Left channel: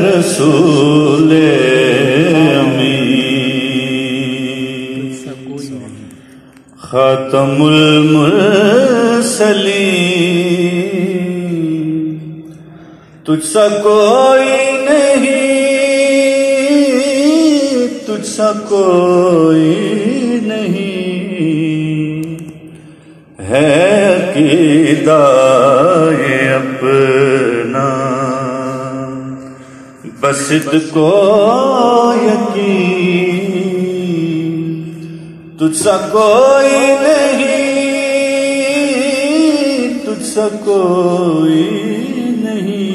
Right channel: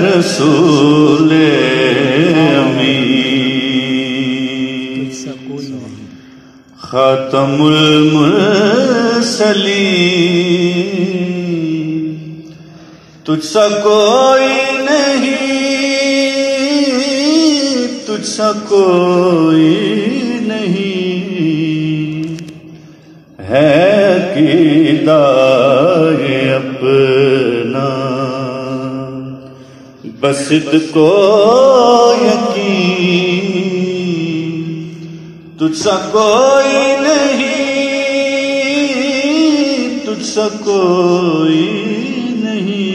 رسول امین خاتم المرسلین تجھ سا کوئی نہیں، تجھ سا کوئی نہیں ہے قیدائے اپنا، بس کو یقین تجھ سا کوئی نہیں، تجھ سا کوئی نہیں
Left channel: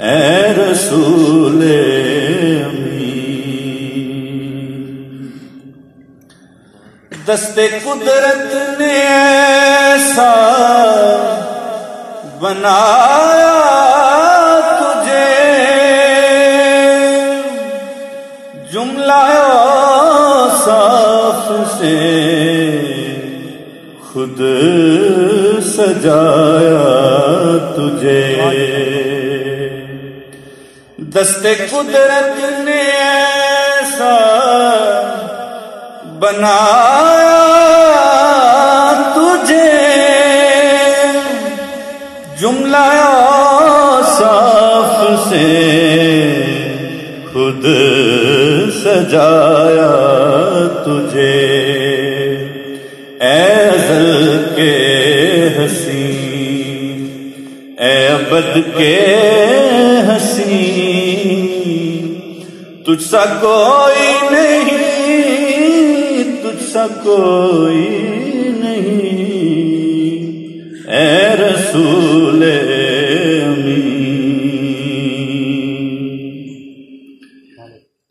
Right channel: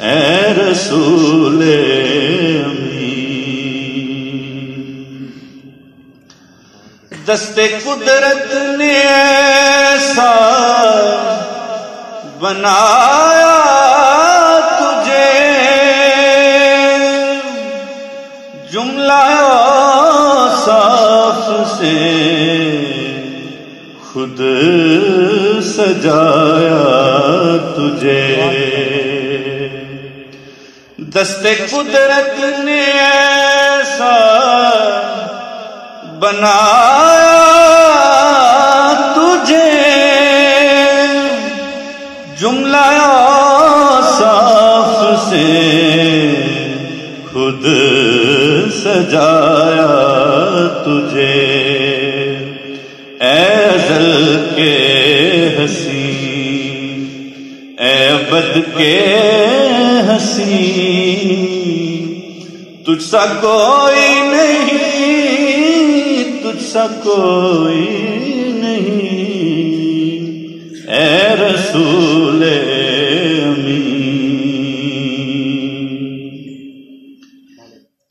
اے رسول امین۔ دست قدرت نے ایسا بنایا سے خود سجایا تجھے، دست قدرت نے ایسا بنایا تجھے، جملہ صاف سے خود سجایا تجھے، اے ازل کے حسین، اے ابد کے حسین، تجھ سا کوئی نہیں، تجھ سا کوئی نہیں اے رسول امین۔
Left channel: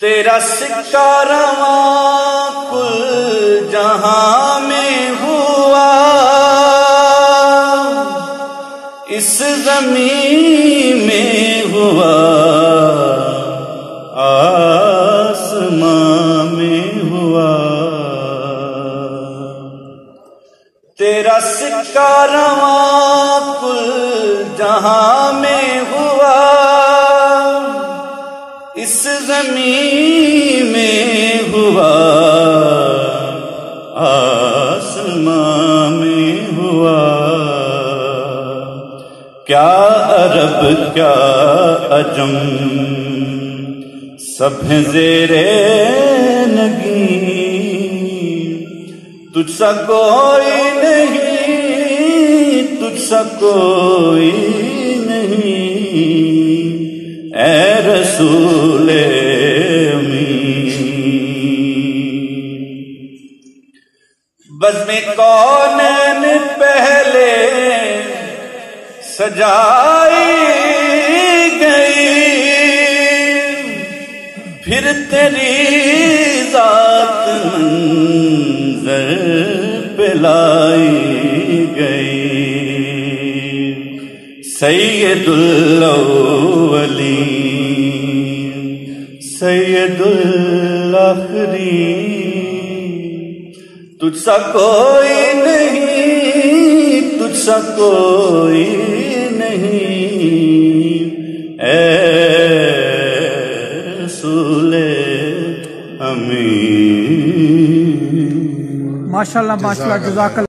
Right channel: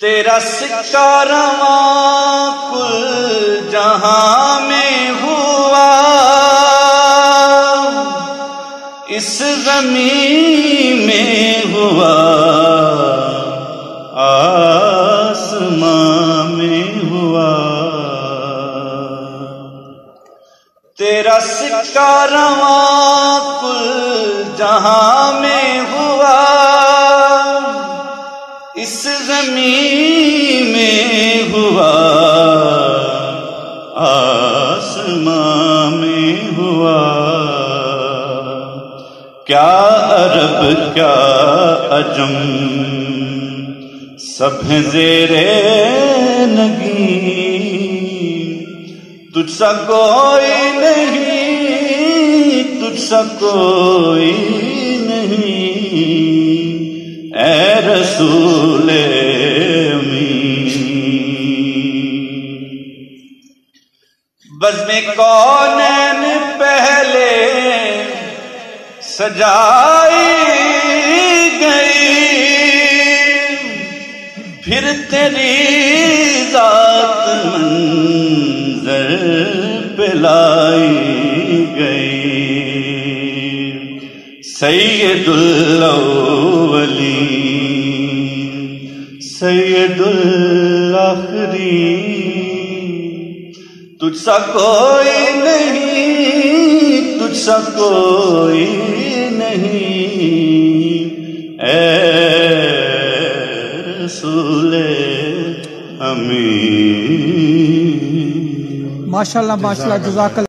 تیرا سکہ رواں کل جہاں میں ہوا، اس زمین میں ہوا، آسمان میں ہوا، تیرا سکہ رواں کل جہاں میں ہوا، اس زمین میں ہوا، آسمان میں ہوا، کیا عرب کیا عجم سب ہیں زیر نگین، تجھ سا کوئی نہیں، تجھ سا کوئی نہیں اے رسول بزم کونین پہلے سجائی گئی، پھر تیری ذات منظر پہ لائی گئی، سید الاولین سید الاخرین، تجھ سا کوئی نہیں، تجھ سا کوئی نہیں اے رسول امین۔ ماشاءاللہ ماشاءاللہ، جزاک اللہ۔